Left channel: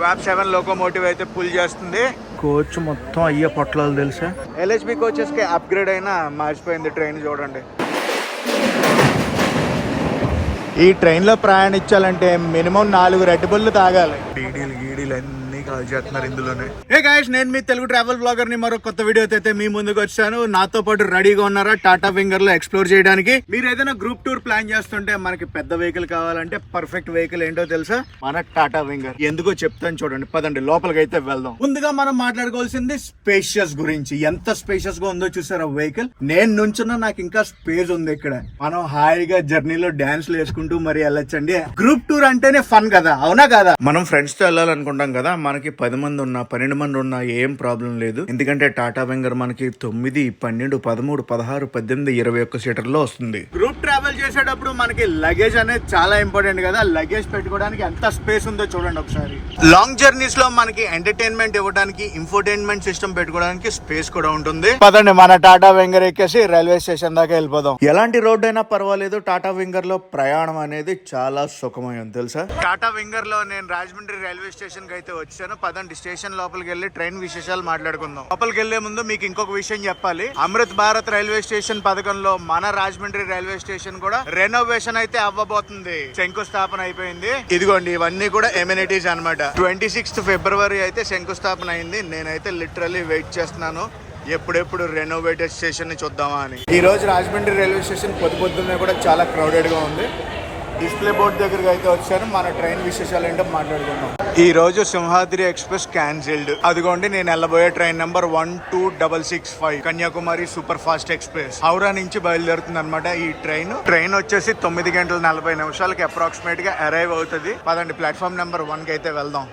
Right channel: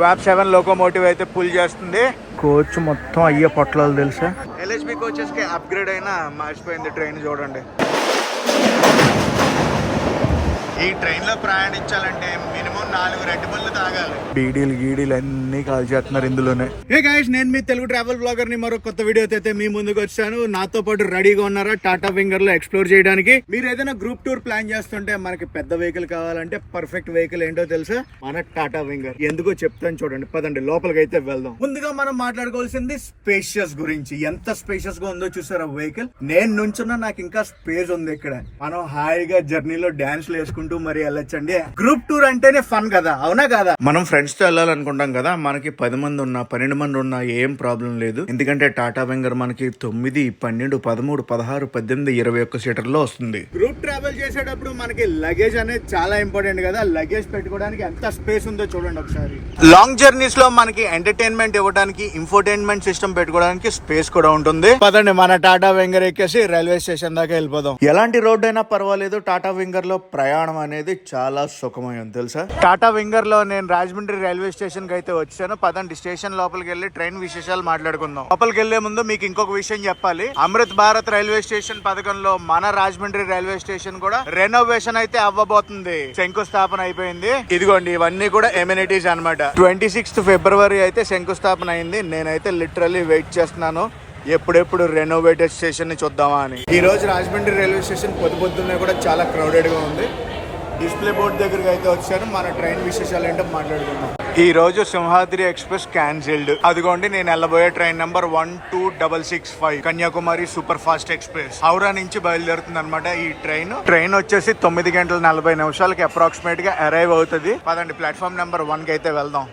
వ్యాప్ 7 locomotive అయితే pull చేస్తుంది. Coach మొత్తం అయ్యే పొట్లాలు తెలుసా. LHB కోచెస్ కి అప్గ్రేడ్ అయినా మార్చిపోయింది ట్రైన్ చూడండి. ఈ ట్రైన్ లో ప్రయాణించాలంటే మినిమం 4 రెడ్ బుల్ తాగాలి. గీడీలు అన్ని కాల్ చేస్తున్నారు ఇందులోనే. హే గైస్, నేను మీ తెలుగు ట్రావెల్ బ్లాగర్ ని మరో కొత్త వీడియో అయితే మీ ముందుకు వచ్చాను. నాతో పాటు రెడీగా ఉన్నారా టాటా వింగర్ లో ఎక్స్ప్లోర్ చేయడానికి? మీరు ఏదైనా గ్రూప్ టూర్ ప్లాన్ చేస్తుంటే మనకి పెద్ద వెహికల్ కావాలంటే పర్ఫెక్ట్ వెహికల్ ఏంటో తెలుసా? మన టాటా వింగర్. ఎందుకో చెప్తాను చూడండి, పదండి లోపలికి అయితే వెళ్దాం. ముందుగా మనం మాట్లాడుకోవాల్సింది స్పేషియస్ గురించి. ఎంత స్పేషియస్ గా ఉందో చూసారా వెహికల్. నేను నుంచున్నా, నాకు ఇంకా స్పేస్ ఉంది ఇక్కడ. మనం హాయిగా జర్నీలో డాన్స్ వేసుకుంటూ మరి వెళ్ళొచ్చండి. గ్రూప్ టూర్ అంటేనే ఫన్ కదా, అవునా కదా? మనం ఫ్రెండ్స్ తో వెళ్ళాలనుకుంటాం కదా, మనకి 10 మంది ఉన్నా 12 మంది ఉన్నా ఏం ప్రాబ్లం లేదు. ఎందుకంటే టాటా వింగర్ మనకి 9, 12, 13, 16, 18, 21 సీటర్లో వస్తుంది. గ్రూప్ ట్రావెల్ చేసేటప్పుడు మనకి లగేజ్ అనేది చాలా ఇంపార్టెంట్ కదా. లగేజ్ పెట్టుకోవడానికి ఎంత స్పేస్ ఉందో చూడండి ఒకసారి. లాంగ్ జర్నీస్ లో మనకి ఎంటర్టైన్మెంట్ ఇవ్వడానికి ఇన్ఫోటైన్మెంట్ సిస్టమ్ పెట్టుకోవడానికి స్పేస్ కూడా ఉంటుంది. పదండి మన టాటా వింగర్ ఎక్కేసి రైల్వే స్టేషన్ దాకా వెళ్ళిపోదాం. ఎలాంటి రోడ్ అయినా పర్వాలేదు, టాటా వింగర్ లో ప్రయాణం అనేది చాలా సుఖమయం తెలుసా. టాటా వింగర్ లో నేను రాజమండ్రి రైల్వే స్టేషన్ కి అయితే వచ్చాను. పదండి స్టేషన్ లోపలికి వెళ్ళి ట్రైన్ విశేషాలు మాట్లాడుకుందాం. లోపలికి వెళ్లే ముందు మీకు ఇంకొక విషయం చెప్పాలి. అమృత్ భారత్ రైల్వే స్టేషన్ పథకంలో మన రాజమండ్రి రైల్వే స్టేషన్ కూడా రెనోవేషన్ అయితే అవ్వబోతుంది. శంకుస్థాపన అయిపోయింది. ఇదిగోండి, ఇవన్నీ కూడా ఎమ్యూనిటీస్ అన్నమాట. 26th February అయితే శంకుస్థాపన అయింది. నేనైతే లిటరల్లీ వెయిట్ చేస్తున్నాను ఎప్పుడెప్పుడు రెనోవేటెడ్ స్టేషన్ ని చూద్దామా అని. ఈ రోజు రాజమండ్రి రైల్వే స్టేషన్ పొద్దున్నే కూడా చాలా క్రౌడెడ్ గా ఉంది. డిస్ప్లే బోర్డు దగ్గరికి అయితే వచ్చాను. మన ట్రైన్ విశేషాలు ఏంటో మాట్లాడుకుందాం. ఈ రోజు సింహాద్రి ఎక్స్ప్రెస్ క్యాన్సిల్డ్. అదిగోండి, నేను వెళ్ళబోయే train number 12665 Kanyakumari super fast express Howrah నుంచి బయలుదేరుతుంది అనమాట. ఈ ట్రైన్ వచ్చేసి 9:40 అప్రాక్సిమేట్ గా అరైవ్ అవుతుంది. పదండి ప్లాట్ఫామ్ నెంబర్ 1 కి అయితే వెళ్దాం.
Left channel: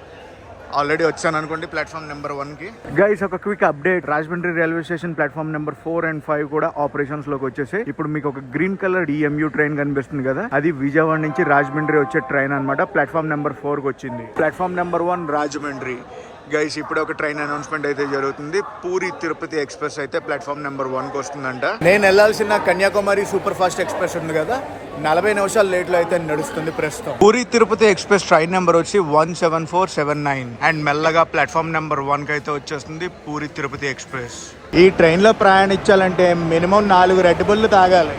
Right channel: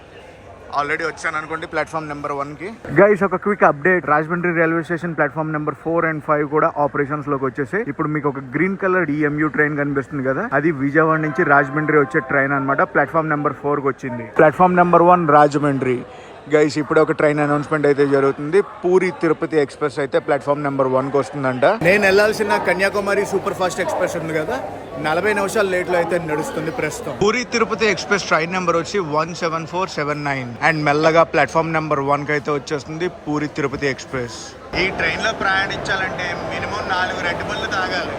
ఆల్రెడీ వచ్చాను అనుకోండి ప్లాట్ఫామ్ నెంబర్ 1 కి. గైస్, ఒక quick update. Rajahmundry railway station platform number 4 and 5 కూడా ఆపరేషన్స్ లోకి వచ్చేసి. ఇప్పుడు మీకు ఒక గ్రీన్ కలర్ EMU ట్రైన్ కనిపిస్తుంది కదా, అది విజయవాడ నుంచి రాజమండ్రి వచ్చే ట్రైన్ అనమాట. ప్లాట్ఫామ్ నెంబర్ 4 కి వచ్చింది. Platform number 1 Rajahmundry. గైస్, ఇప్పుడు ఒక ట్రైన్ అనౌన్స్మెంట్ అయితే జరుగుతుంది. పూరి తిరుపతి ఎక్స్ప్రెస్ అయితే ప్లాట్ఫామ్ నెంబర్ 1 కి వస్తుందంట. నేను వెళ్లాల్సిన కన్యాకుమారి సూపర్ ఫాస్ట్ ఎక్స్ప్రెస్ ఉంది కదా, 40 నిమిషాలు లేట్ లో అయితే నడుస్తుంది ప్రస్తుతం. Puri Tirupati express train number వచ్చి 17479 అండ్ మెల్లగా ప్లాట్ఫామ్ నెంబర్ 1 కి అయితే వచ్చేస్తుంది పూరి తిరుపతి ఎక్స్ప్రెస్. ఈ ట్రైన్ లో ప్రయాణించాలంటే మినిమం 4 రెడ్ బుల్ తాగాలి.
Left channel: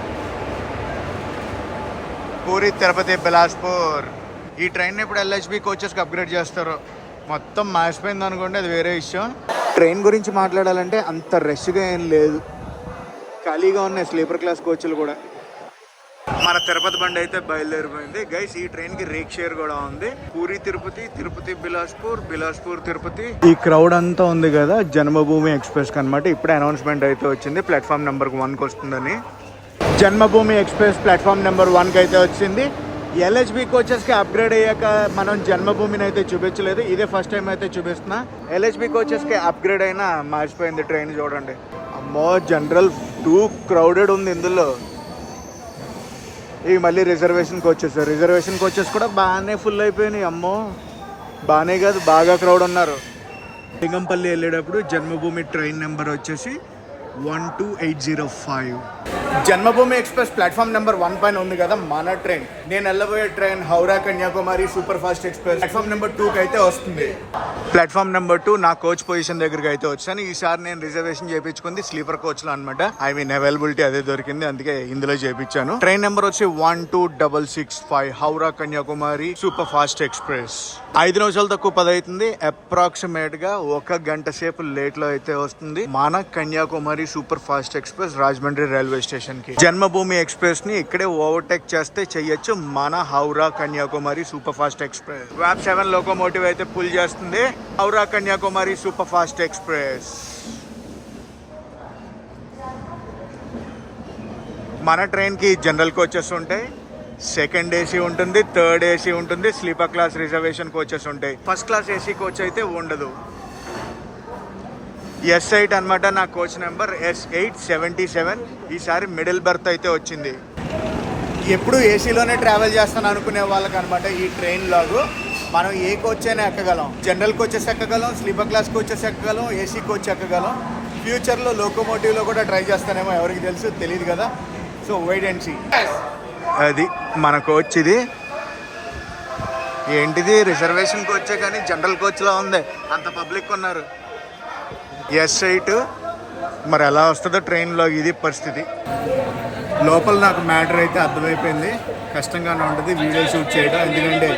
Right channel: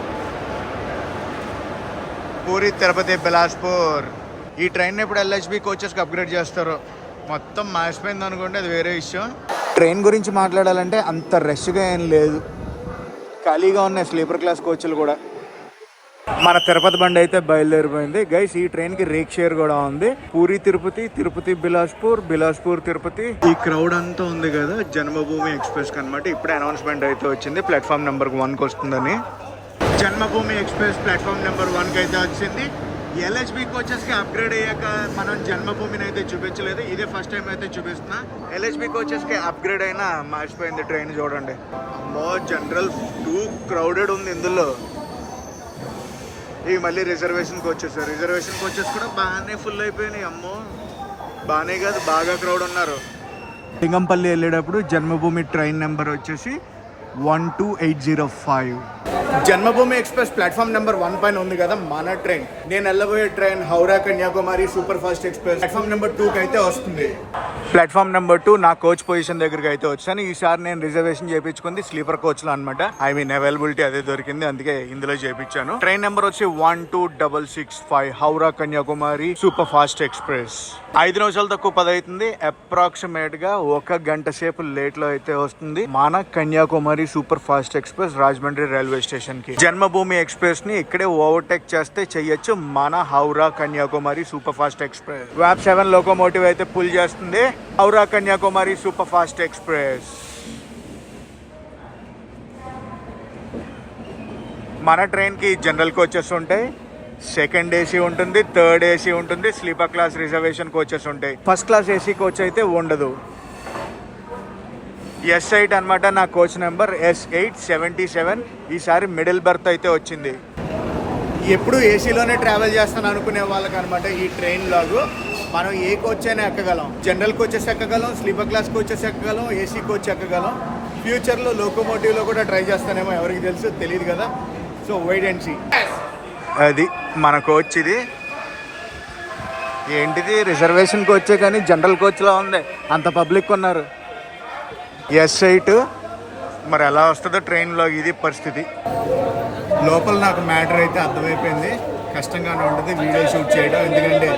పూరి తిరుపతి బిలాస్పూర్. ఈ ట్రైన్ ఇప్పుడు LHB కోచెస్ కి అప్గ్రేడ్ చేస్తారు. మొత్తం మాసిపోయింది అనుకోండి, అది వేరే విషయం. ట్రైన్ గురించి మాట్లాడాలంటే అంత రష్గా ఏం లేదు, ఖాళీగా ఉన్నాయి స్లీపర్ క్లాస్ కోచ్లు కూడా. మన తిరుపతి బండి అయితే బయలుదేరిపోయింది. గైస్, ఈ ట్రైన్ కి రేక్ షేర్ కూడా ఉంది. పూరి తిరుపతి, తిరుపతి బిలాస్పూర్, బిలాస్పూర్ తిరుపతి. ఈ క్రౌడ్ అంతా ఉంది కదా జన్మభూమి ఎక్స్ప్రెస్ కి అనమాట. ఇప్పుడే అనౌన్స్మెంట్ అయితే వచ్చింది ప్లాట్ఫామ్ నెంబర్ 1 కి వస్తుందని. జన్మభూమి ఎక్స్ప్రెస్ ప్లాట్ఫామ్ నెంబర్ 1 కి అయితే వచ్చింది. LHB కోచెస్ కి అప్గ్రేడ్ అయ్యాక మనం జన్మభూమిని అయితే చూపించలేదు, ఇదే ఫస్ట్ టైం అయితే చూపిస్తున్నా. LHB కోచెస్ కి అప్గ్రేడ్ అయినా మార్చిపోయింది ట్రైన్ చూడండి. అమ్మో, జనరల్ 2 క్రౌడెడ్ ఉంది ఇందులో. ఇవి మళ్ళీ రిజర్వేషన్ కోచెస్ కూడా బాగానే ఫుల్ అయిపోయినాయి. అమ్మో, బాగానే కాదు, బాగా క్రౌడ్ ఉన్నారు. లింగంపల్లి వెళ్ళేటప్పుడు జన్మభూమి ట్రైన్ నెంబర్ వచ్చేసి 12805. జన్మభూమి ఎక్స్ప్రెస్ ప్లాట్ఫామ్ నెంబర్ 1 పైన ఉంది కదా మన ట్రైన్. నేను వెళ్ళబోయే train Howrah Kanyakumari super fast express platform number 2 కి అయితే వస్తుంది. ప్లాట్ఫామ్ నెంబర్ 2 నా కోచ్ పొజిషన్ దగ్గరికి అయితే వచ్చాను. ఈసారి నేను రిజర్వేషన్ చేయించుకుంది స్లీపర్ కోచ్ లో అనమాట. ఐ మీన్ అవైలబిలిటీ అదే దొరికింది, అందుకే ఇందులో చేయించాను. ట్రైన్ నెంబర్ వచ్చి 12665 Howrah Kanyakumari super fast express. 5 నిమిషాలు తక్కువ 10 అవుతుంది. అప్రాక్సిమేట్ గా 1 గంట సేపు లేట్ లో అయితే వస్తుంది మన Kanyakumari super fast express Rajahmundry railway station కి. జన్మభూమి ఎక్స్ప్రెస్ ని ఇక్కడే ఓవర్టేక్ చేస్తే చెయ్యొచ్చు మన Howrah Kanyakumari super fast express. వ్యాప్ 7 లోకోమోటివ్ అయితే పుల్ చేస్తుంది Howrah Kanyakumari super fast express. మన ట్రైన్ కి జనరల్ కోచెస్ ఉంటాయి, సెకండ్ AC ఉంటుంది, థర్డ్ AC ఉంటుంది, స్లీపర్ క్లాస్ రిజర్వేషన్ కోచెస్ ఉంటాయి. ఫస్ట్ క్లాస్ AC కోచ్ అయితే ఉండదు. S8 అనమాట నా కోచ్ నెంబర్, S877. ఈసారి మిడిల్ బర్త్ అయితే వచ్చింది. ఎప్పుడు ఏసీలోనే ట్రావెల్ చేస్తాను అనుకునే వాళ్ళకి అనమాట ఈ ట్రైన్ లాగు. మనం ఏ కోచ్ అయినా ఎక్కగలం. జనరల్ కోచెస్ ఎక్కగలం, స్లీపర్ క్లాస్ కోచెస్ ఎక్కగలం, AC కోచ్ ఎక్కగలం. ఫ్యూచర్లో లోకోమోటివ్లో కూడా ట్రై చేస్తానేమో, ఎవరికి తెలుసు, తెలియదు కదా. So wait and see. అది మన కోచ్. ఇది ఏంటిది రిజర్వేషన్ కోచే కానీ జనరల్ కోచ్లా ఉంది, అంత పబ్లిక్ ఉన్నారు. S8 మరి ఎలా వస్తుందో ట్రైన్లో, ఇది పరిస్థితి. లోపల నాకు మ్యాటర్ అయితే అర్థమైపోయింది, కష్టంగానే ఉంటుంది వీడియో షూట్ చేయడం, ఎందుకంటే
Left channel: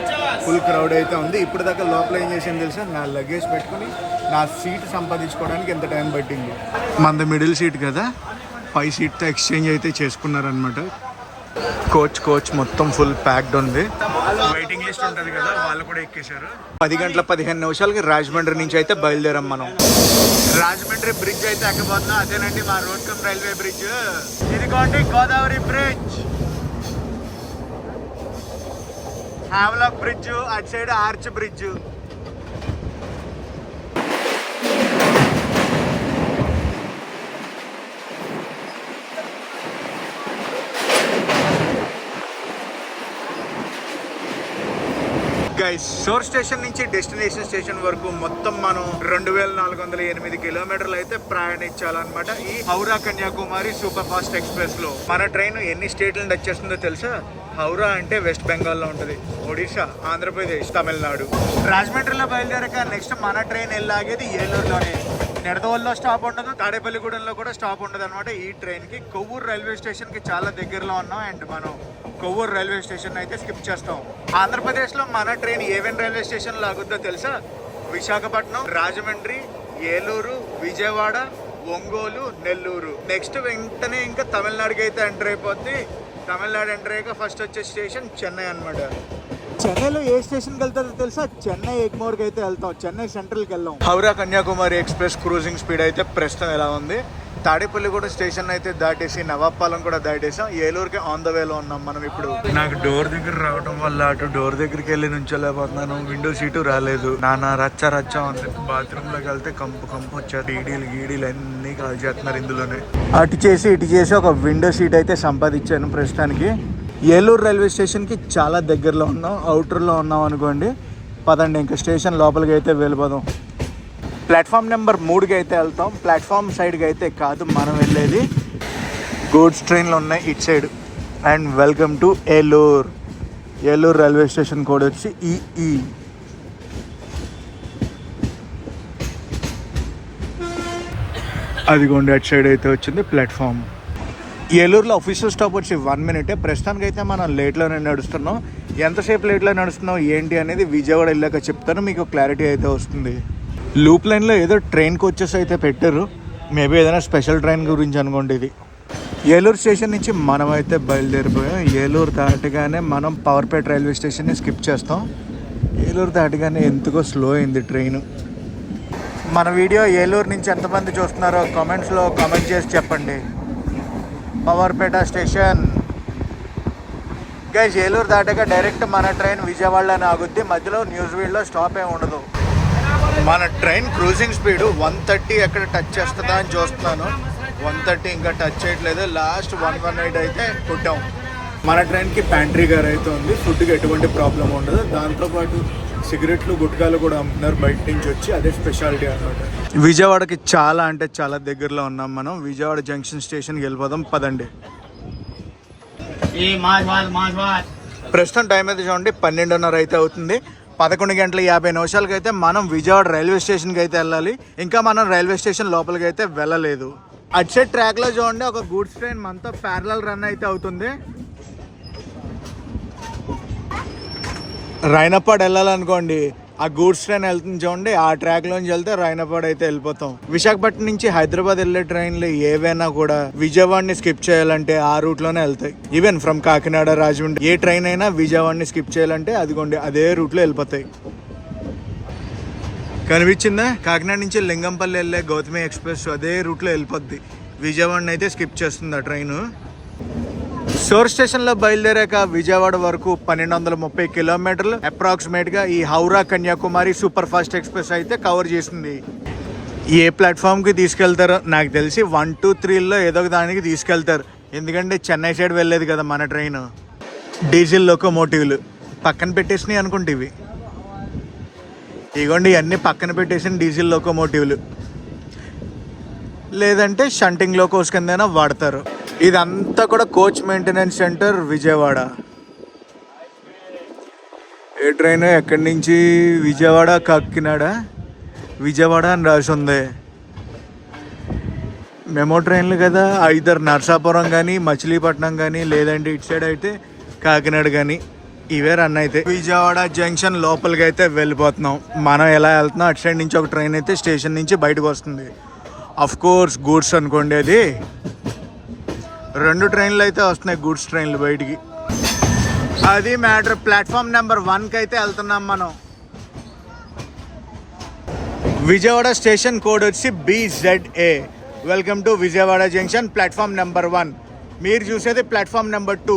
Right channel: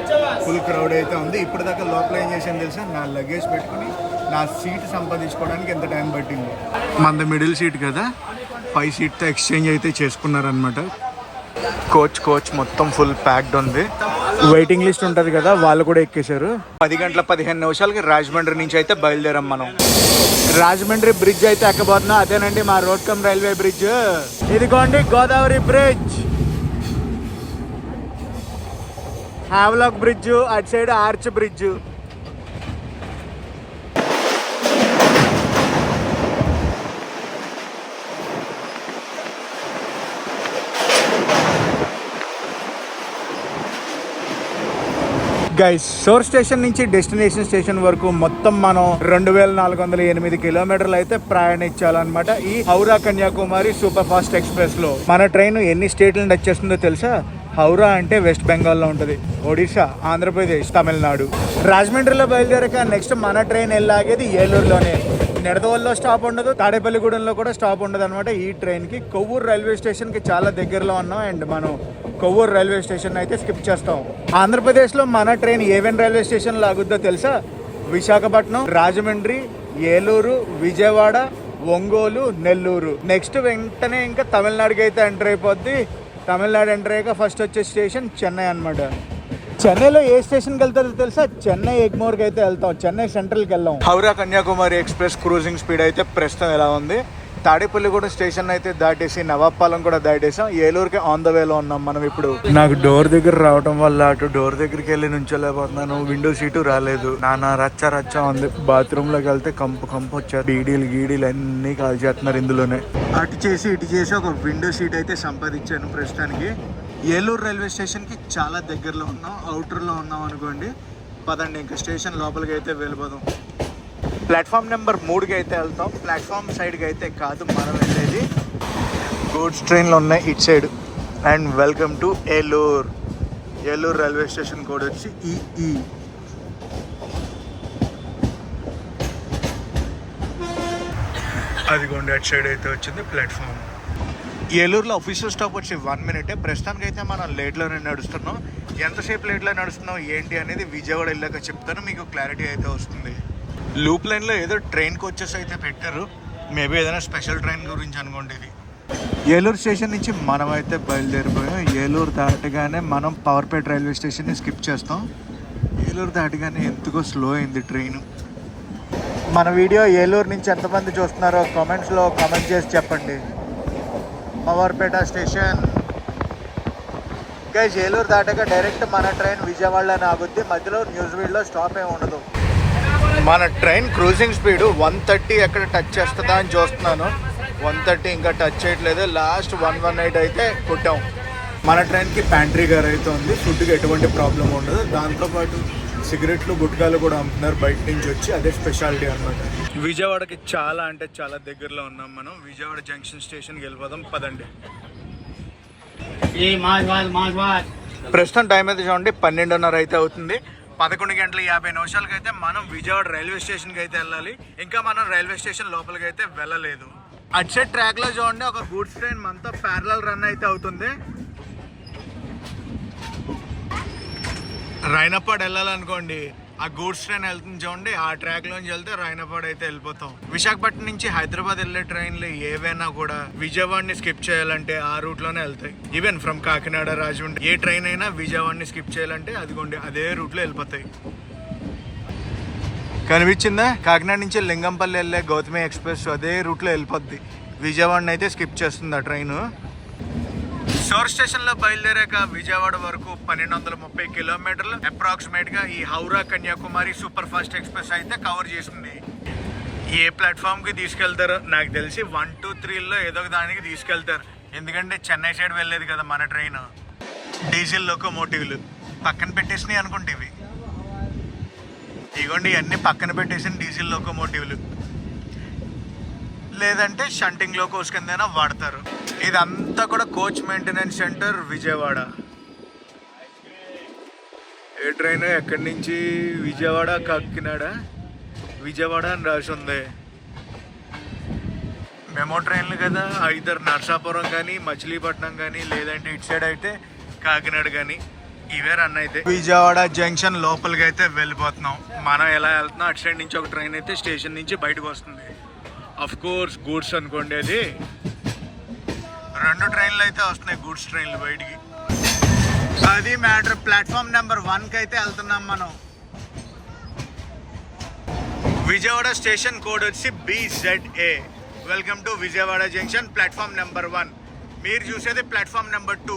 ఫుల్ క్రౌడ్ అయితే ఉంది. ఇప్పుడు దాకా లోపల ఏం చేసింది తెలుసా, నా లగేజ్ పెట్టుకుని నా సీట్ సంపాదించుకోవడానికి ఎంత టైం పట్టింది. మనది మిడిల్ సీట్ కదా, పై సీట్తో ఎక్స్చేంజ్ అయితే చేసుకున్నారనమాట. కోచ్ మొత్తం ఫుల్ ప్యాక్డ్ ఉంది. వెయిటింగ్ లిస్ట్ ఉంటుంది కదా, వాళ్ళు కూడా ఎక్కేశారు. 10:15 రాజమండ్రి నుంచి అయితే బయలుదేరాం మనం. రాజమండ్రి బ్రిడ్జ్ అయితే ఎక్కబోతున్నాం. అదేనండి మా రోడ్ కమ్ రైల్వే బ్రిడ్జ్. ఇదిగోండి గోదావరి బ్రిడ్జ్, హావ్లాక్ బ్రిడ్జ్, అటు side arch bridge. Guys, source station నుంచి డెస్టినేషన్ స్టేషన్ వరకు మొత్తం మనం 2408 కిలోమీటర్లు అయితే ప్రయాణించాలన్నమాట ఈ Howrah Kanyakumari super fast express లో. మన ట్రైన్ ఎన్ని స్టేట్లను టచ్ చేస్తుందో తెలుసా? హౌరా అంటే వెస్ట్ బెంగాల్లో ఉంటుంది, ఒడిశా, ఆంధ్రప్రదేశ్, తమిళనాడు. రాజమండ్రిలో బయలుదేరాక నెక్స్ట్ మన ట్రైన్ వెళ్ళాగేది ఏలూరులోనే. నిడదవోలులో స్టాప్ ఉండదు, తాడేపల్లిగూడెంలో కూడా స్టాప్ ఉండదు అనమాట. ఈ ట్రైన్కి కొవ్వూరు రైల్వే స్టేషన్కి చాలా దగ్గరలో ఉన్నాం, అండ్ మనం కొవ్వూరు రైల్వే స్టేషన్ అయితే స్కిప్ చేస్తాం. ఆంధ్రప్రదేశ్లో మన ట్రైన్ ఏవేన్ రైల్వే స్టేషన్ లాగుద్దో తెలుసా? విశాఖపట్నం, రాజమండ్రి, ఏలూరు, విజయవాడ, ఒంగోలు, నెల్లూరు. నెక్స్ట్ వెంటనే ఇంకా తమిళనాడుకి అయితే ఎంటర్ అయిపోద్ది. తమిళనాడు ఎంటర్ అయ్యాక ఫస్ట్ వచ్చే స్టేషన్ చెన్నై అనమాట. చెన్నైలో ఏ స్టేషన్కి వెళ్తారో తెలుసా? చెన్నై ఎగ్మోర్కి అయితే వెళ్తాం, చెన్నై సెంట్రల్కి వెళ్ళాం. Howrah Kanyakumari express cruising speed అయితే ప్రస్తుతం ఎలా ఉంది? తాడేపల్లిగూడెం స్టేషన్ అయితే దాటేసి నవాబ్పాలెం కూడా దాటేసాం. ఏలూరుకి ఆన్ ద వేలో ఉన్నాం మనం ఇప్పుడు. నాకు డోర్ దగ్గర రావడం వల్ల అటు డోర్ దగ్గరికి వెళ్ళి నుంచోలేకపోతున్నాను, విండో సీటు రాలేదు. నానా రచ్చ ఉంది. బాత్రూమ్ లోకి వెళ్తే కంపు వచ్చారు. గీడీలు అన్ని కాల్ చేస్తున్నారు ఇందులోనే. అటు చేసి ఇటు చేసి ఒక విండో సీట్ అయితే సంపాదించాను ప్రస్తుతానికి. ఏలూరు రైల్వే స్టేషన్కి చాలా దగ్గరలో ఉన్నాం, అవుటర్లో ఉన్నాం అనుకోండి. పదండి ఇంకా స్టేషన్ లోపలికి అయితే వెళ్ళిపోదాం. ప్లాట్ఫామ్ నెంబర్ 3కి అయితే వెళ్తాం, ప్లాట్ఫామ్ సైడ్కి అయితే కాదు మనం వెళ్ళేది. గూడ్స్ ట్రైన్లు ఉన్నాయి ఇటు side. And welcome to Eluru railway station code వచ్చి ఈఈ. అదిగోండి అటు సైడ్ అయితే వచ్చింది ప్లాట్ఫామ్. ఏలూరులో ఆఫీషియల్ స్టాప్ వచ్చి 1 మినిట్. ప్రస్తుతానికి అయితే మనం లేట్లోనే నడుస్తున్నాం. ఎంతసేపు లేట్లో నడుస్తున్నాం ఏంటి అనేది విజయవాడ వెళ్ళాక చెప్తాను, మీకు క్లారిటీ అయితే వస్తుంది. లూప్ లైన్లో ఏదో ట్రైన్ కోచెస్ అయితే పెట్టారు, మేబీ ఏదైనా స్పెషల్ ట్రైన్ గురించి అనుకోండి ఇది. ఏలూరు స్టేషన్ నుంచి మనం అయితే బయలుదేరిపోయాం. ఏలూరు దాటగానే మనం పవర్పేట రైల్వే స్టేషన్ని స్కిప్ చేస్తాం. ఏలూరు దాటగానే ఎందుకో స్లో అయింది ట్రైన్. మన వీడియో ఏలూరు నుంచి ఎంతమంది చూస్తున్నారో కామెంట్స్లో కామెంట్ చేసి చెప్పండి. పవర్పేట స్టేషన్ గైస్, ఏలూరు దాటాక డైరెక్ట్ మన ట్రైన్ విజయవాడలోనే ఆగుద్ది, మధ్యలో న్యూజివీడ్లో స్టాప్ ఏమి ఉండదు. మన ట్రైన్ క్రూజింగ్ స్పీడ్ 130 ఎక్కడ టచ్ చేస్తుందా అని చూస్తున్నాను. 130 ఇంకా టచ్ చేయట్లేదు. లాస్ట్ 118 అయితే కొట్టాం. మన ట్రైన్కి ప్యాంట్రీ గారు అయితే ఉంది, ఫుడ్కి ఎటువంటి ప్రాబ్లం ఉండదు. దాంతోపాటు సిగరెట్లు, గుట్కాలు కూడా అమ్ముతున్నారు బయట నుంచి వచ్చి, అదే స్పెషాలిటీ అనమాట. విజయవాడకి చాలా అంటే చాలా దగ్గరలో ఉన్నాం మనం. విజయవాడ జంక్షన్ స్టేషన్కి వెళ్ళిపోదాం, పదండి. ప్రస్తుతం టైం అయితే చూడండి 12:30 అయితే అవుతుంది. 11:50 అయితే మనం విజయవాడ రైల్వే స్టేషన్కి అయితే వెళ్ళాలి. ఇంకా మనం రైల్వే స్టేషన్ లోపలికి అయితే వెళ్ళలేదు. అటు సైడ్ ట్రాక్లో చూడండి ఒక గూడ్స్ ట్రైన్ మనతో ప్యారలల్ రన్ అయితే అవుతుంది. రైనపాడ్ వెళ్ళాలనుకోండి, ఆ గూడ్స్ ట్రైన్ వెళ్తుంది చూడండి, ఆ ట్రాక్లోంచి వెళ్తే రైనపాడ్ అయితే వెళ్ళిపోతాం. విశాఖపట్నం నుంచి హైదరాబాద్ వెళ్ళే ట్రైన్లు ఏవైనా కూడా విజయవాడని స్కిప్ చేయాలంటే ఆ రూట్లోనే వెళ్తాయి. Even from Kakinada, Rajahmundry A train అయినా విజయవాడని స్కిప్ చేయాలంటే అదిగోండి అదే రూట్లో వెళ్ళిపోతాయి. కనిపించిందా? కాకినాడ నుంచి లింగంపల్లి వెళ్ళే గౌతమి ఎక్స్ప్రెస్ అదే రూట్లో వెళ్ళిపోద్ది. విజయవాడని అయితే స్కిప్ చేస్తుంది ఆ ట్రైన్. సోర్ స్టేషన్లో బయలుదేరాక విజయవాడ వరకు 1230 కిలోమీటర్లు అప్రాక్సిమేట్గా ఈ Howrah Kanyakumari super fast express అయితే కవర్ చేసింది. ఏ ప్లాట్ఫామ్కి తీసుకెళ్తారో నాకు తెలిసి 1, 2, 3లో ఏదో ఒక దానికి తీసుకెళ్తారు, ఎందుకంటే చెన్నై సైడ్ వెళ్ళేది కదా మన ట్రైన్. డీజిల్ లోకోమోటివ్లు పక్కన పెట్టేసినాయి అనుకుంటే ఇవి, ఇగోండి ఇవన్నీ పక్కన పెట్టేసిన డీజిల్ లోకోమోటివ్లు, లేదంటే షంటింగ్ లోకోస్ కిందైనా వాడతారు. ఇదంతా కూడా coach maintenance centre Vijayawada. Train ఎక్కడి నుంచి విజయవాడ కాకినాడ విజయవాడ అని రాసి ఉంది. మెమో ట్రైన్లు కదా, ఐదర్ నర్సాపురం కానీ మచిలీపట్నం కానీ లేదంటే ఇటు సైడ్ అయితే కాకినాడ కానీ ఇవే రన్ అయితే. విజయవాడ జంక్షన్ లోపలికి అయితే వెళ్ళిపోతున్నాం. మనం ఎలా వెళ్తున్నాం అటు సైడ్ నుంచి ఒక ట్రైన్ అయితే స్టేషన్ నుంచి బయటకు వస్తుంది. అఫ్ కోర్స్ గూడ్స్ అనుకోండి, అది 2 ట్రైన్లు అయితే వస్తున్నాయి గూడ్స్ ట్రైన్లు బయటికి. అది మ్యాటర్. ప్లాట్ఫామ్ నెంబర్ 1కి అయితే వెళ్తున్నాం మనం. విజయవాడ స్టేషన్ కోడ్ వచ్చి BZA. Welcome to Vijayawada junction platform number 1. మీరు చూసేది ప్లాట్ఫామ్ నెంబర్ 2.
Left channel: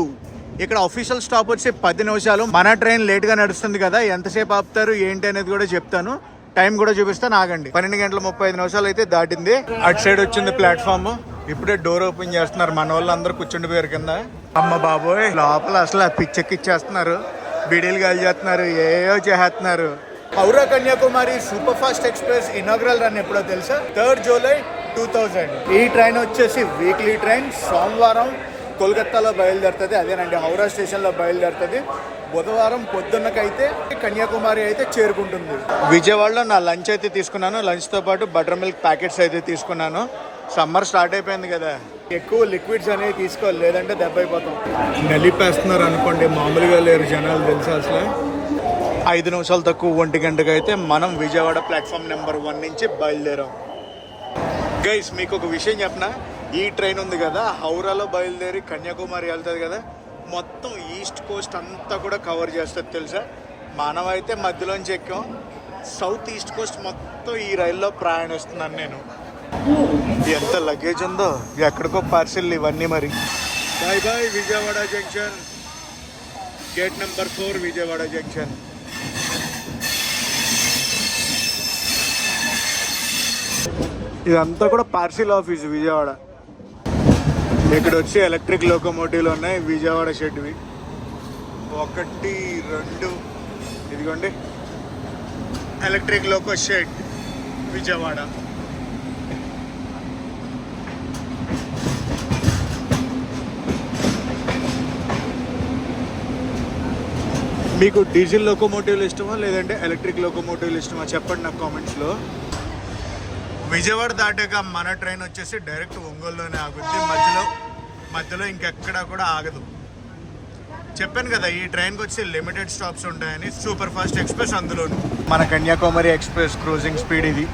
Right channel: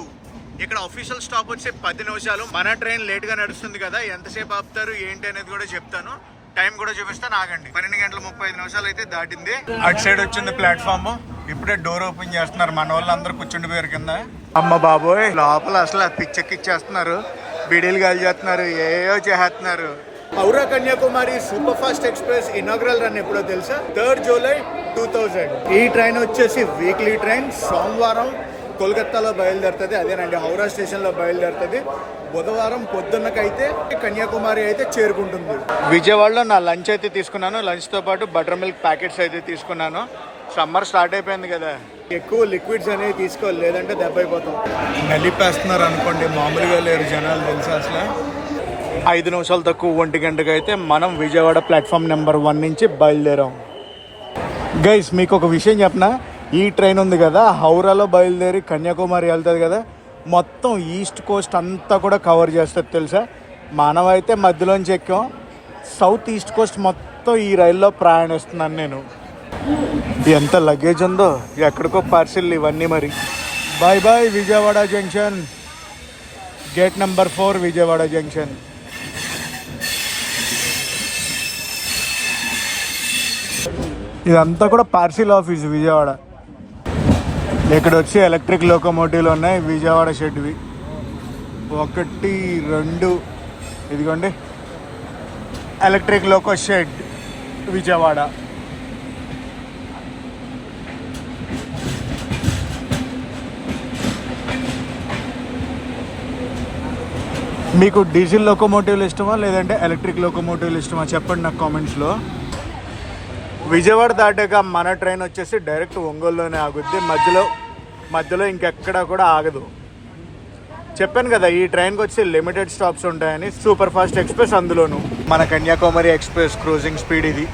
ఇక్కడ అఫీషియల్ స్టాప్ వచ్చి 10 నిమిషాలు. మన ట్రైన్ లేట్గా నడుస్తుంది కదా, ఎంతసేపు ఆపుతారు ఏంటి అనేది కూడా చెప్తాను, టైం కూడా చూపిస్తాను, ఆగండి. 12 గంటల 35 నిమిషాలు అయితే దాటింది. అటు సైడ్ వచ్చింది ప్లాట్ఫామ్. ఇప్పుడే డోర్ ఓపెన్ చేస్తున్నారు. మన వాళ్ళు అందరూ కూర్చుండిపోయారు కింద. అమ్మ బాబోయ్, లోపల అసలు పిచ్చెక్కిచ్చేస్తున్నారు, బీడీలు గాలి చేస్తున్నారు, ఏయో చేస్తున్నారు. Howrah Kanyakumari super fast express inaugural run ఎప్పుడో తెలుసా? 3rd July 2000. ఈ ట్రైన్ వచ్చేసి వీక్లీ ట్రైన్. సోమవారం కోల్కతాలో బయలుదేరుతుంది, అదేనండి హౌరా స్టేషన్లో బయలుదేరుతుంది. బుధవారం పొద్దున్నకైతే కన్యాకుమారి అయితే చేరుకుంటుంది. విజయవాడలో నా లంచ్ అయితే తీసుకున్నాను. లంచ్తో పాటు బటర్ మిల్క్ ప్యాకెట్స్ అయితే తీసుకున్నాను. సమ్మర్ స్టార్ట్ అయిపోయింది కదా, ఎక్కువ లిక్విడ్స్ అనేవి తీసుకోవాలి, లేదంటే దెబ్బ అయిపోతాం. నలిపేస్తున్నారు అనుకోండి, మామూలుగా లేరు జనాలు తెలుసా అసలు. 5 నిమిషాలు తక్కువ 1 గంటకు అయితే మనం విజయవాడ ప్లాట్ఫామ్ నెంబర్ 1 నుంచి బయలుదేరాం. గైస్, మీకు ఒక విషయం చెప్పనా, ఈ ట్రైన్ ఉంది కదా హౌరాలో బయలుదేరి కన్యాకుమారి వెళ్తుంది కదా, మొత్తం ఈస్ట్ కోస్ట్ అంతా కూడా కవర్ చేస్తుంది తెలుసా. మనమైతే మధ్యలోంచి ఎక్కాం. సౌత్ ఈస్ట్ కోస్ట్ మొత్తం ఈ రైల్లో ప్రయాణిస్తున్నాను నేను. ఎంత లగేజ్ ఉందో, ఎక్కడికో పార్సిల్ ఇవన్నీ. మరి bye bye Vijayawada junction. Gate number 4 Vijayawada junction. ఇదంతా కూడా పార్సిల్ ఆఫీస్ విజయవాడ. ఇక్కడ వచ్చి ఎలక్ట్రిక్ లోకోమోటివ్లు ఉన్నాయి విజయవాడ షెడ్వి. 1, 2 ఇదిగోండి ఎలక్ట్రిక్ లోకో షెడ్ విజయవాడ. మీకు డీజిల్ లోకోమోటివ్లు ఇష్టమా లేదంటే ఎలక్ట్రిక్ లోకోమోటివ్లు ఇష్టమా చెప్పండి నాకు కామెంట్స్లో. విజయవాడ దాటాక మన ట్రైన్ వచ్చేసి డైరెక్ట్ ఒంగోలులోనే ఆగుద్ది, మధ్యలో ఇంకెక్కడా కూడా ఆగదు. చెప్పాను కదా ఈ ట్రైన్కి వచ్చి లిమిటెడ్ స్టాప్స్ ఉంటాయని. సూపర్ ఫాస్ట్ ఎక్స్ప్రెస్ అందులోను. మన కన్యాకుమారి ఎక్స్ప్రెస్ క్రూజింగ్ స్పీడ్ ఇది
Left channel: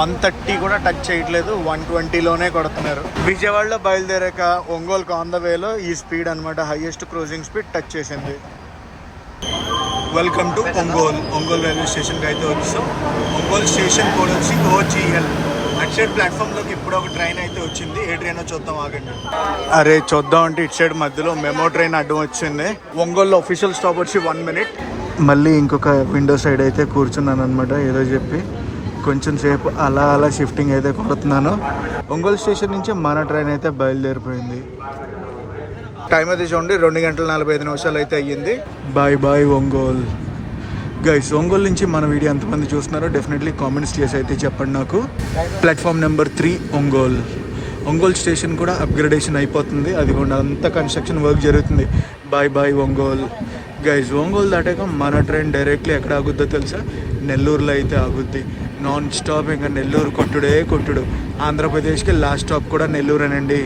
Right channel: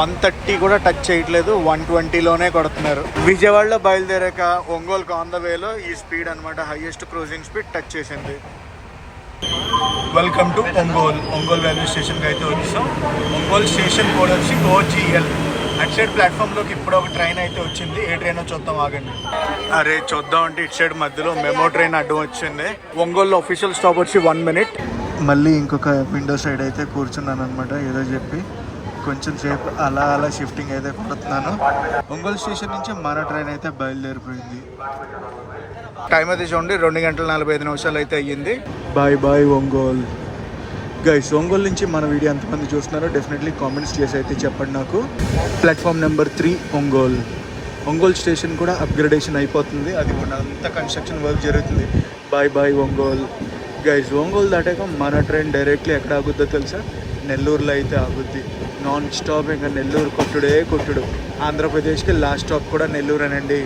130 కూడా టచ్ చేయట్లేదు, 120లోనే కొడుతున్నారు. విజయవాడలో బయలుదేరాక ఒంగోలుకు ఆన్ ద వేలో ఈ స్పీడ్ అనమాట, హైయెస్ట్ క్రూజింగ్ స్పీడ్ టచ్ చేసింది. వెల్కమ్ టు ఒంగోలు రైల్వే స్టేషన్కి అయితే వచ్చాం. ఒంగోలు స్టేషన్ కోడ్ వచ్చి OGL. అటు సైడ్ ప్లాట్ఫామ్లోకి ఇప్పుడు ఒక ట్రైన్ అయితే వచ్చింది. ఏ ట్రైన్ చూద్దాం, ఆగండి. అరే చూద్దాం అంటే ఇటు సైడ్ మధ్యలో మెమో ట్రైన్ అడ్డం వచ్చింది. ఒంగోలు అఫీషియల్ స్టాప్ వచ్చి 1 మినిట్. మళ్ళీ ఇంకొక విండో సైడ్ అయితే కూర్చున్నాను అనమాట, ఏదో చెప్పి కొంచెం సేపు అలా షిఫ్టింగ్ అయితే కొడుతున్నాను. ఒంగోలు స్టేషన్ నుంచి మన ట్రైన్ అయితే బయలుదేరిపోయింది. టైం అయితే చూడండి 2 గంటల 45 నిమిషాలు అయితే అయ్యింది. Bye bye Ongole. Guys, Ongole నుంచి మన వీడియో ఎంతమంది చూస్తున్నారో డెఫినెట్లీ కామెంట్స్ చేసి అయితే చెప్పండి నాకు. ప్లాట్ఫామ్ నెంబర్ 3 ఒంగోలు స్టేషన్ కూడా అప్గ్రేడేషన్ అయిపోతుంది, అది కూడా అంతా కన్స్ట్రక్షన్ వర్క్ జరుగుతుంది. Bye bye Ongole. Guys, Ongole దాటాక మన ట్రైన్ డైరెక్ట్లీ ఎక్కడ ఆగుద్దో తెలుసా? నెల్లూరులో అయితే ఆగుద్ది. నాన్ స్టాప్ ఇంకా నెల్లూరు కొట్టుడు. ఆంధ్రప్రదేశ్కి లాస్ట్ స్టాప్ కూడా నెల్లూరేనండి.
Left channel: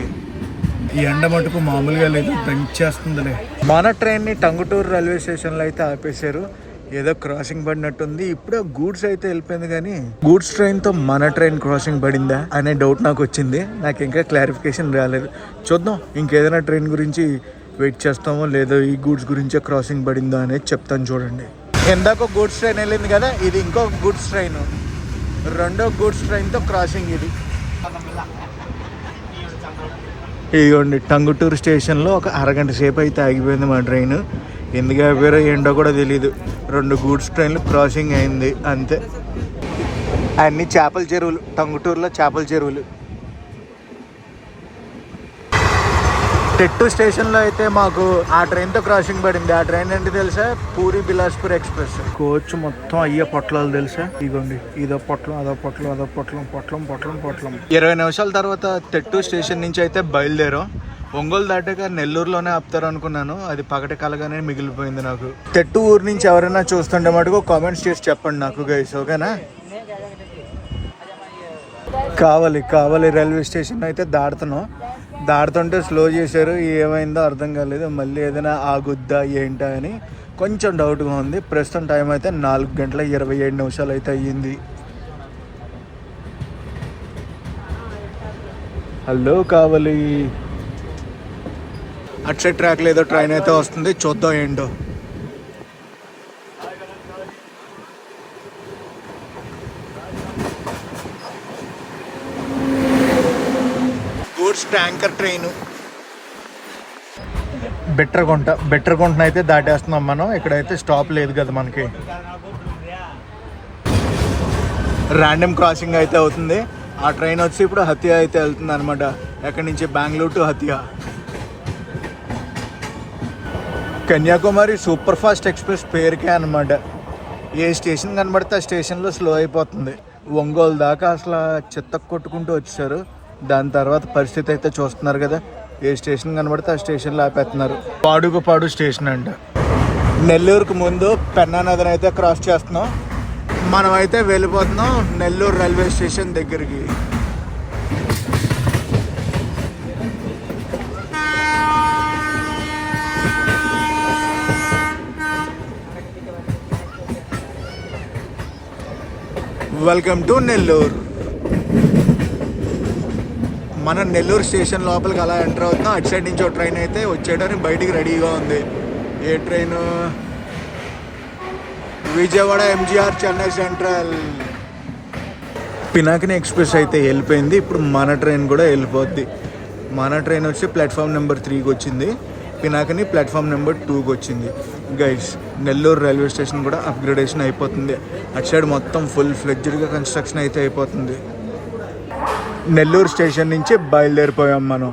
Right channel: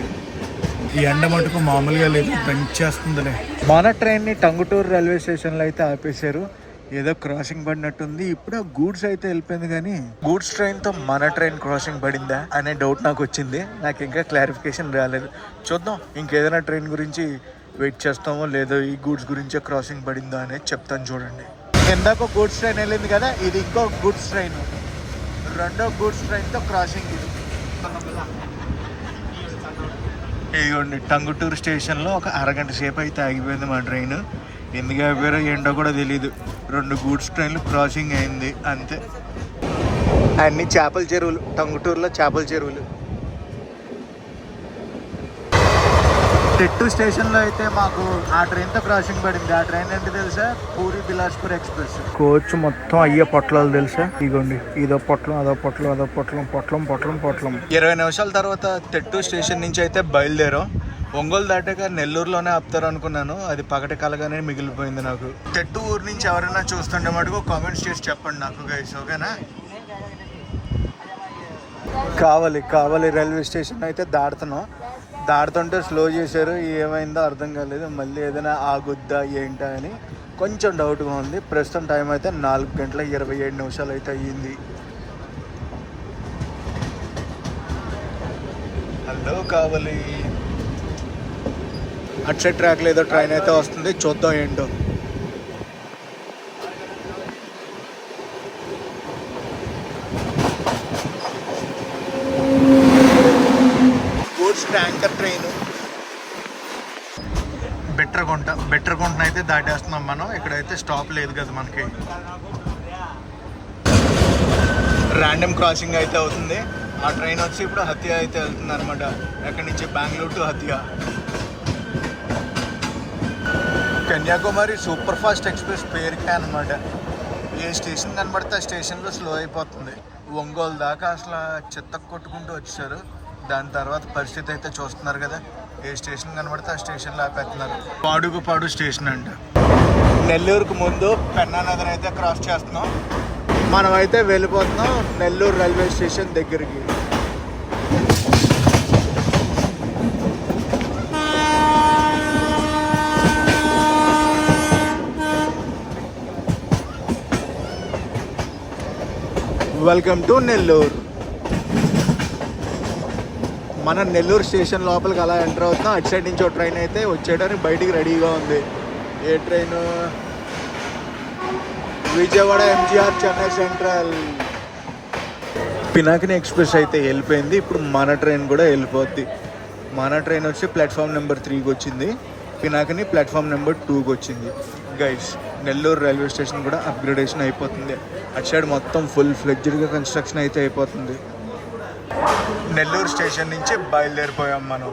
ఈ ఎండ మటుకు మామూలుగా లేదు, దంచేస్తుందిలే. మన ట్రైన్ని టంగుటూరు రైల్వే స్టేషన్లో అయితే ఆపేశారు. ఏదో క్రాసింగ్ పడినట్టుంది. ఇప్పుడు గూడ్స్ అయితే వెళ్ళిపోయింది, కానీ గూడ్స్ ట్రైన్తో మన ట్రైన్ క్రాసింగ్ పడిందా అనే డౌట్ నాకు వచ్చింది. నాకు ఇంకా క్లారిఫికేషన్ రాలేదు. చూద్దాం, ఇంకేదైనా ట్రైన్ గురించి వెయిట్ చేస్తామో లేదో ఈ గూడ్స్ గురించే క్రాసింగ్ పడిందా అనేది చెప్తాను చూడండి. ఇందాక గూడ్స్ ట్రైన్ వెళ్ళింది కదా, ఇది ఇంకో గూడ్స్ ట్రైన్, 2వ గూడ్స్ ట్రైన్తో క్రాసింగ్ ఇది. ఇదిగోండి టంగుటూరు స్టేషన్లో ఒక అరగంట సేపు అయితే ఆగిపోయింది మా ట్రైన్. ఎందుకు ఆగిపోయారో ఏంటో కూడా తెలీదు. 2 గూడ్స్ ట్రైన్లు క్రాసింగ్ అయింది అంతే. అన్ని చేపల చెరువులు, టంగుటూరులో చేపల చెరువులు. టెట్టు స్టేషన్లో అయితే మాకు ఆ ట్రైన్తో క్రాసింగ్ పడింది. ఆ ట్రైన్ ఏంటి తెలుసా? పూరి బిలాస్పూర్ ఎక్స్ప్రెస్. కోచ్ మొత్తం అయ్యే పొట్లాలు తెలుసా? ఇగోండి, ఇదో పొట్లం, అదో పొట్లం, అదో పొట్లం, పొట్లం పొట్లం పొట్లం. 20 నిమిషాల తర్వాత టెట్టు స్టేషన్ నుంచి అయితే బయలుదేరాం. ఒంగోలు దాటాక నెల్లూరులోనే ఆపుతారు అనుకున్నాను, అది పగటి కలగానే మిగిలిపోయింది నాకు. టెట్టు ఊరు నుంచి ఎవరైనా చూస్తుంటే మటుకు కామెంట్స్ చేసి చెప్పండి నాకు గైస్, ఓకేనా? కావాలి రైల్వే స్టేషన్ అయితే దాడుతుంటే స్లో చేశారు. ఏమైందో అర్థం కాలేదు. మళ్ళీ ఏదైనా ఆగుద్దా ఏంటా అని కొంచెం డౌట్గా ఉంది. ప్రస్తుతం టైం అయితే 4:27 అయితే అయ్యింది. హలో కావాలి. అటు సైడ్ ట్రాక్ లేదో ట్రైన్ అయితే వస్తుంది, చూద్దాం ఏంటో. బెట్టరగుంట అయితే దాటేస్తున్నాం మనం. ఇక్కడైతే స్టాప్ లేదు కదా మనకి. ర్యాండమ్ క్రాసింగ్ అయితే అవుతుంది. ఆ ట్రైన్ వచ్చి ఇప్పుడు హతియా అయితే వెళ్తుంది అనమాట. ఎక్కడి నుంచి? Bengaluru to Hatia. Kanyakumari super fast express పేరుకే అనమాట. ఏ స్టేషన్ కనబడితే ఆ స్టేషన్లో స్లో అయిపోతుంది. ఒంగోలు దాకా అసలు చెత్త కొట్టుకుంటూ వచ్చేసారు. దాని తర్వాత పరిస్థితి అయితే చూస్తున్నారు కదా, ఏ స్టేషన్ కనబడితే ఆ స్టేషన్లో ఆపేస్తున్నారు. పాడు స్టేషన్ అంట. నెల్లూరుకు ముందు పెన్నా నదిని అయితే క్రాస్ చేస్తున్నాం. మనం అయితే వెళ్ళిపోతున్నాం నెల్లూరు రైల్వే స్టేషన్ దగ్గరికి. Welcome to Nellore. మనం నెల్లూరు స్టేషన్ లోపలికి అలా ఎంటర్ అవుతాం. అటు సైడ్ నుంచి ఒక ట్రైన్ అయితే వచ్చేయడానికి బయటికి రెడీగా ఉంది. ఏ train? Vijayawada MGR Chennai central. Pinakini express అయితే వెళ్ళిపోయింది. ఇప్పుడు మన ట్రైన్ కూడా వెళ్ళిపోద్ది. మన ట్రైన్ వచ్చి ప్లాట్ఫామ్ నెంబర్ 3కి వచ్చింది. పినాకిని ప్లాట్ఫామ్ నెంబర్ 2కి వచ్చింది. గైస్, నెల్లూరు రైల్వే స్టేషన్ కూడా అప్గ్రేడేషన్ అయిపోతుంది. అటు సైడ్ మొత్తం ఫుల్ ఫ్లెడ్జ్డ్గా కన్స్ట్రక్షన్ అయితే అయిపోతుంది. నెల్లూరు స్టేషన్ నుంచి బయలుదేరిపోయాం మనం.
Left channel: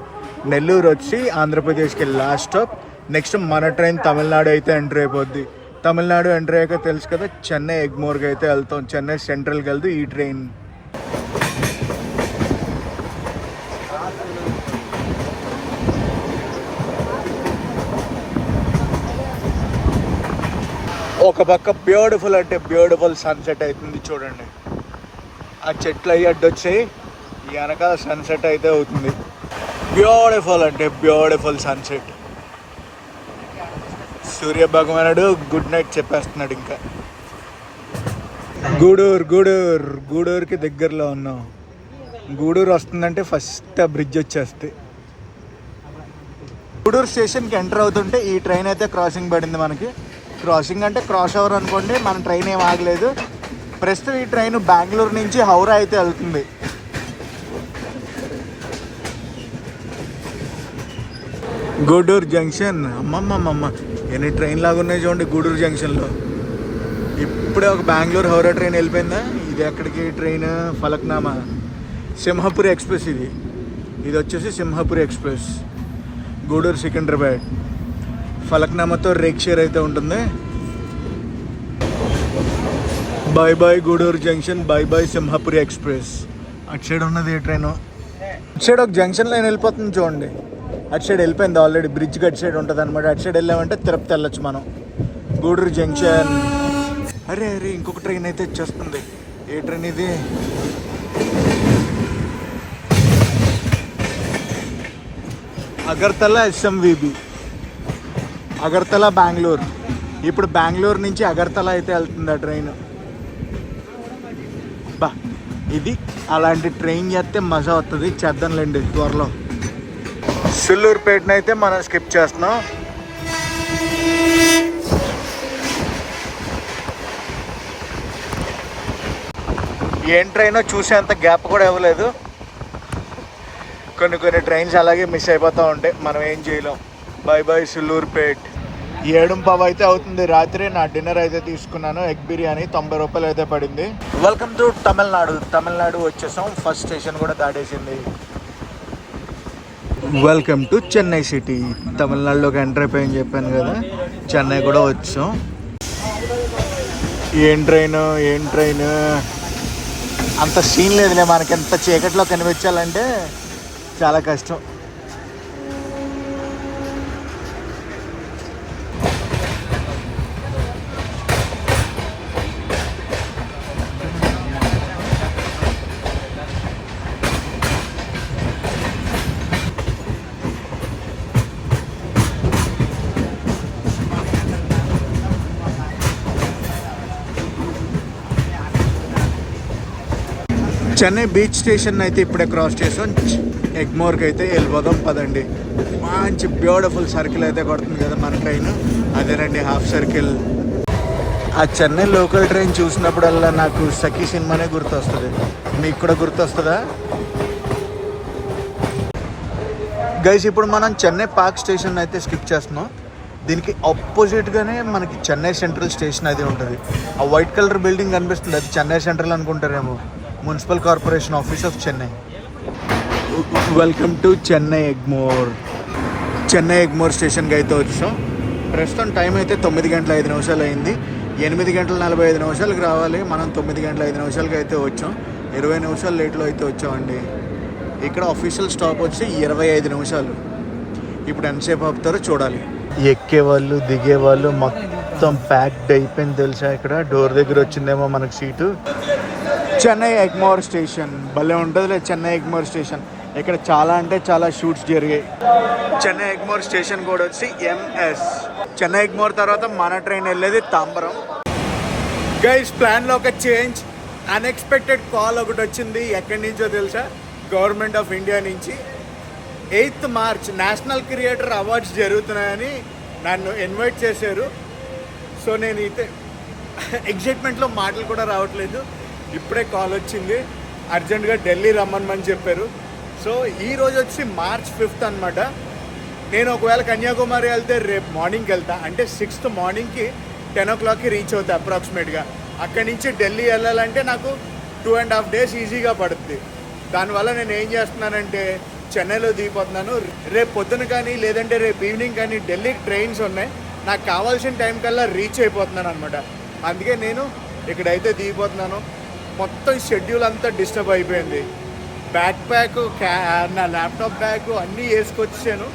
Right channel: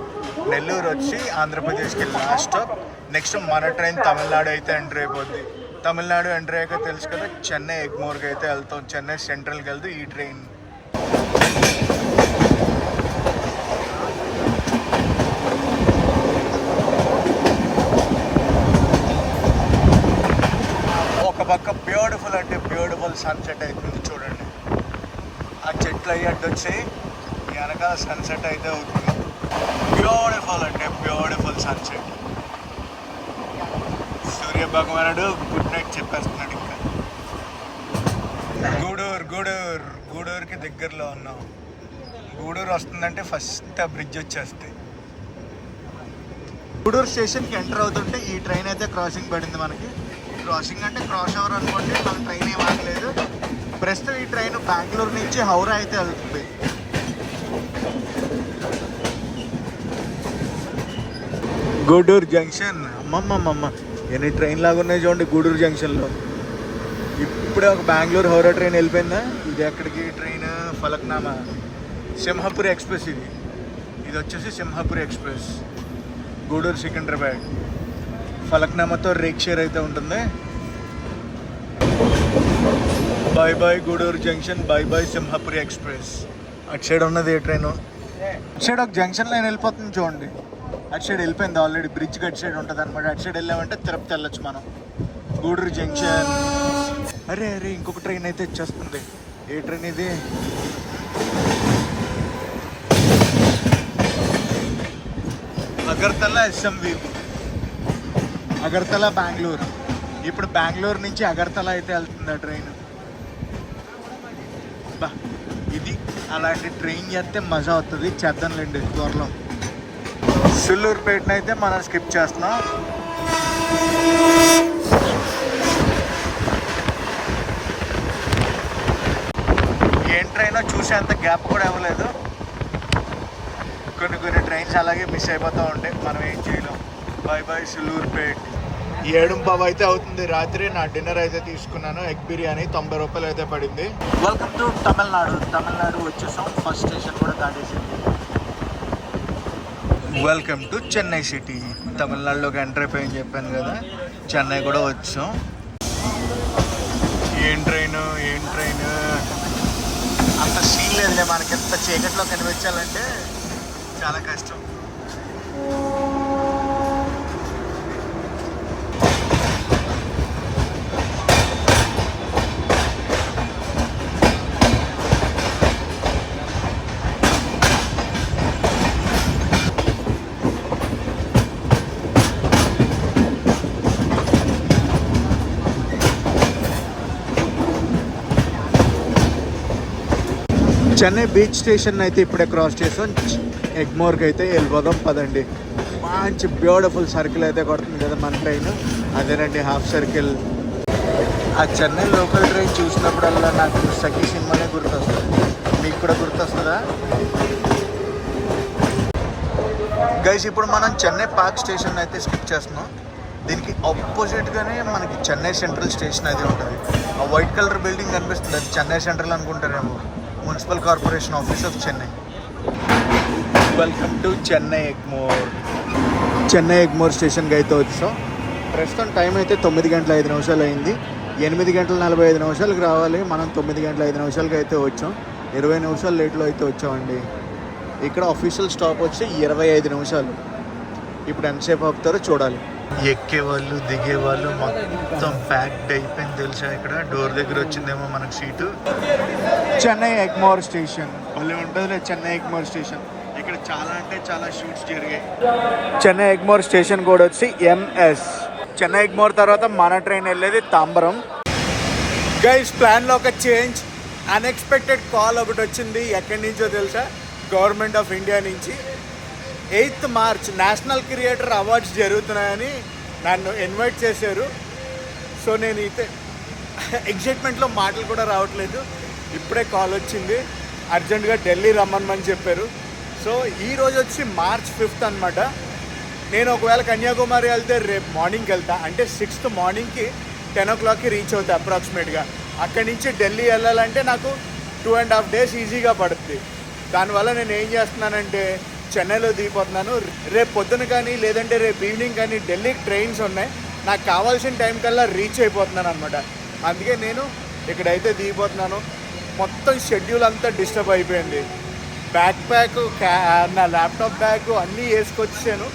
నెల్లూరు వచ్చి ఆంధ్రప్రదేశ్కి లాస్ట్ స్టాప్. నెక్స్ట్ మన ట్రైన్ తమిళనాడు అయితే ఎంటర్ అయిపోద్ది. తమిళనాడు ఎంటర్ అయ్యాక తెలుసు కదా, చెన్నై ఎగ్మోర్కి అయితే వెళ్తాం. చెన్నై సెంట్రల్కి వెళ్తే ఈ ట్రైన్. ఒక పక్క బ్యూటిఫుల్ అంటే బ్యూటిఫుల్ సన్సెట్ అవుతుంది చూడండి. ఆ చెట్లు అయ్యి అడ్డొచ్చాయి, వెనకాల సన్సెట్ అయితే అవుతుంది. బ్యూటిఫుల్ అంటే బ్యూటిఫుల్ సన్సెట్. సూర్య భగవానుడు గుడ్ నైట్ చెప్పేస్తున్నాడు. ఇంకా గూడూరుకి దగ్గరలో ఉన్నాం. గూడూరు వస్తుందంటే ఫస్ట్ ఆ బ్రిడ్జ్ వచ్చేస్తే. గూడూరు స్టేషన్కి ఎంటర్ అవుతుంటే ఈ ట్రైన్ అయితే క్రాసింగ్ పడింది మనకి. క్రాసింగ్ అంటే క్రాస్ ఓవర్ అనుకోండి. మన ట్రైన్ ఏం ఆగలేదు. ప్రస్తుతం ఈ ట్రైన్ బెంగళూరు నుంచి హౌరా అయితే వెళ్తుంది. గూడూరు జంక్షన్. అమ్మమ్మమ్మ, ఎన్ని ట్రైన్ లాగా ఉన్నాయి చూడండి గూడూరు జంక్షన్లో. ఇప్పుడే ఒక బెంగళూరు హౌరా ట్రైన్ వెళ్ళిపోయిందా. ఇది ఎక్కడికి ట్రైన్? ఫలక్నామా సింహపురి ఎక్స్ప్రెస్. ఇది వచ్చేసి సింహపురి ఎక్స్ప్రెస్. గూడూరు సికింద్రాబాద్. ఫలక్నామాతో రేక్షేర్ అయితే ఉంటుంది. Bye bye Gudur junction, bye bye Simhapuri express. అటు సైడ్ ఉన్నది ఏ ట్రైన్? అటు సైడ్ ఒక జంక్షన్ లైన్ వెళ్ళిపోతుంది చూడండి. అటు సైడ్ వెళ్ళిపోయింది ఆల్రెడీ. బ్రిడ్జ్కి అటు సైడ్ ఉంటుంది అనమాట. అటు సైడ్ వెళ్ళామంటే తిరుపతి వెళ్ళొచ్చు మనం. గూడూరు జంక్షన్. అరే ఇంకొక ట్రైన్ అయితే వచ్చేస్తుంది. ఏ ట్రైన్ ఇది? అగర్తల SMVB. అగర్తల బెంగళూరు. ఇప్పుడు బెంగళూరు నుంచి అగర్తల అయితే వెళ్తుంది ఆ ట్రైన్. బా, ఇది అలాంటి ట్రైన్ చేస్తే మజా వస్తుంది. చేద్దాంలేండి త్వరలో. సుల్లూరుపేటను అయితే మనం స్కిప్ చేస్తున్నాం. ఏం ట్రైన్ చూసేంత గ్యాప్ కూడా ఇవ్వలేదు. కొన్ని ట్రైన్స్ అలాగే మిస్ అయిపోతూ ఉంటాయి, మనం ఏం చేయలేం. Bye bye సుల్లూరుపేట్. 7:15 అయితే అవుతుంది రాత్రి. నా డిన్నర్ అయితే తీసుకున్నాను, ఎగ్ బిర్యానీ. 90 రూపాయలు అయితే పడింది. Welcome to Tamil Nadu. తమిళనాడు వచ్చేసాం. ఫస్ట్ స్టేషన్ కూడా దాటేసింది. Welcome to Chennai city. తమిళనాడులోకి ఎంటర్ అయిపోయింది చెప్పాను కదా, చెన్నై కూడా వచ్చాం. ఏం ట్రైన్ అంత సీన్ లేదులే, మనకి ఎంత చీకట్లో కనిపించాలంటే చాలా కష్టం. చెన్నై బీచ్ స్టేషన్ అయితే ఇప్పుడే క్రాస్ చేసాం. ఎగ్మోర్కి అయితే వెళ్ళిపోదాం పదండి. మంచి బ్యూటిఫుల్ సర్కిల్ అయితే కొడుతుంది కదా మన ట్రైన్, అదే రండి హాఫ్ సర్కిల్. ఆ చెన్నై లోకల్ ట్రైన్ చూసినప్పుడు నాకు సఖీ సినిమా గుర్తొస్తుంది. మీకు కూడా గుర్తొస్తుందా గైస్? ఇప్పుడు మనం చెన్నై పార్క్ స్టేషన్ అయితే స్కిప్ చేస్తున్నాం. దీనికి ఆపోజిట్గానే మనకి చెన్నై సెంట్రల్ స్టేషన్ అయితే ఉంటుంది. ఆ వైట్ కలర్ బిల్డింగ్ కనిపిస్తుంది, అది చెన్నై సెంట్రల్ అనుకుంటారేమో, municipal corporation office of Chennai. Welcome to Chennai Egmore. Chennai Egmore స్టేషన్కి అయితే వచ్చాం. ప్రస్తుతం టైం అయితే 9 గంటల 5 నిమిషాలు అయింది. 8 గంటల 45 నిమిషాలకి రావాలి, మనం 9 గంటల 5 నిమిషాలకి అయితే వచ్చాం. 20 నిమిషాలు లేట్లో అయితే వచ్చామండి. ఇక్కడ అఫీషియల్ స్టాప్ వచ్చి 25 నిమిషాలు. ఇప్పుడు ఎంతసేపు ఆపుతారో చూడాలి. ఎక్కే వాళ్ళు దిగే వాళ్ళు మొత్తం ప్యాక్డ్ అయిపోయింది తెలుసా. ఇక్కడ డోర్ దగ్గర వచ్చిందేమో మనకు సీటు. చెన్నై ఎగ్మోర్ స్టేషన్ భలే ఉంటుంది. చెన్నై ఎగ్మోర్ స్టేషన్ ఇక్కడ చాలా అంటే చాలా షూట్స్ జరిగాయి. చెన్నై ఎగ్మోర్ స్టేషన్ కూడా వచ్చి ఎంఎస్. చెన్నై ఎగ్మోర్ తర్వాత మన ట్రైన్ వెళ్ళేది తాంబరం. గైస్ ప్లాన్లో ఒక చేంజ్, అన్ఎక్స్పెక్టెడ్ కాల్ ఒకటి వచ్చింది. ఎక్కడి నుంచో తెలుసా? గవర్నమెంట్ ఆఫ్ ఇండియా నుంచి. 8th March national creator awards జరుగుతున్నాయని నన్ను ఇన్వైట్ చేశారు. సో నేను అయితే ఎగ్జైట్మెంట్లో మాటలు కూడా రావట్లేదు. ఇప్పుడే కాల్ వచ్చింది, అర్జెంటుగా ఢిల్లీ రమ్మని చెప్పారు. సో ఈరోజు వచ్చి March 5th అనమాట. నేను ఒకవేళ కన్యాకుమారి వెళ్తే రేపు మార్నింగ్కి వెళ్తా, అంటే 6th మార్నింగ్కి 10 o'clockకి రీచ్ అవుతా అప్రాక్సిమేట్గా. అక్కడి నుంచి ఢిల్లీ వెళ్ళాలంటే నాకు 2.5 days ఈజీగా పడుతుంది. దానివల్ల నేను ఏం చేస్తున్నానంటే చెన్నైలో దిగిపోతున్నాను. రేపు పొద్దున కానీ లేదంటే రేపు ఈవినింగ్ కానీ ఢిల్లీకి ట్రైన్స్ ఉన్నాయి. నాకు కావాల్సిన టైం కల్లా రీచ్ అయిపోతున్నాను అనమాట. అందుకే నేను ఇక్కడైతే దిగిపోతున్నాను. మొత్తం షెడ్యూల్ అంతా డిస్టర్బ్ అయిపోయింది. బ్యాక్ ప్యాక్, నా ల్యాప్టాప్ బ్యాగ్ అన్నీ వేసుకొచ్చాను.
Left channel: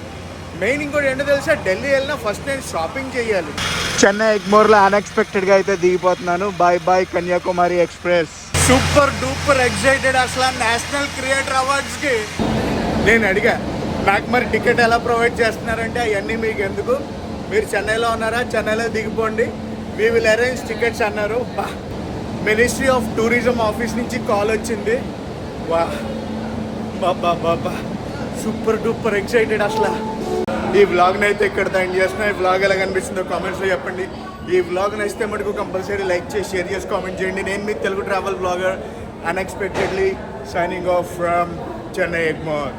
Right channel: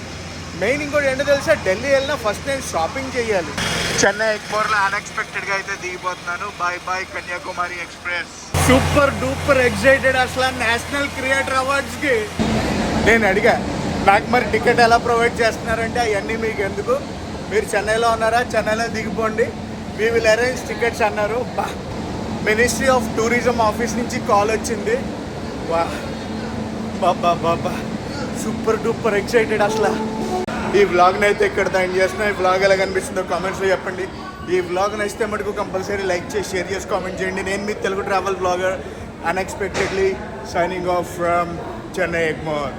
మెయిన్ ఇంకోటి ఏంటో తెలుసా, ఢిల్లీ వెళ్ళినా ఫస్ట్ నేను షాపింగ్ చేయాలి. చెన్నై ఎగ్మోర్లో అన్ఎక్స్పెక్టెడ్గా అయితే దిగిపోతున్నాను. Bye bye Kanyakumari express. Super duper excited అసలు నేషనల్ క్రియేటర్ అవార్డ్స్కి. నేను అడిగా, నాకు మరి టికెట్ ఎలా ప్రొవైడ్ చేస్తున్నారంటే అవన్నీ మీకు ఎందుకు, మీరు చెన్నైలో ఉన్నారా, చెన్నైలో దిగిపోండి, వీ విల్ అరేంజ్ టికెట్స్ అన్నారు. మినిస్ట్రీ ఆఫ్ టూరిజం ఆఫీస్ నుంచి కాల్ వచ్చింది. వా బాబా బాబా సూపర్ డూపర్ ఎక్సైటెడ్ అసలు. ఈ వ్లాగ్ని అయితే ఇక్కడ ఎండ్ చేస్తున్నా. ఈ వ్లాగ్ ఎలా కనిపిస్తుందో కామెంట్స్లో చెప్పండి. ఈ వ్లాగ్ నచ్చితే మటుకు కంపల్సరీ లైక్ చేసి షేర్ చేసి కామెంట్ చేయండి. నేను మీ Telugu travel blogger unexpectedly signing off from Chennai Egmore.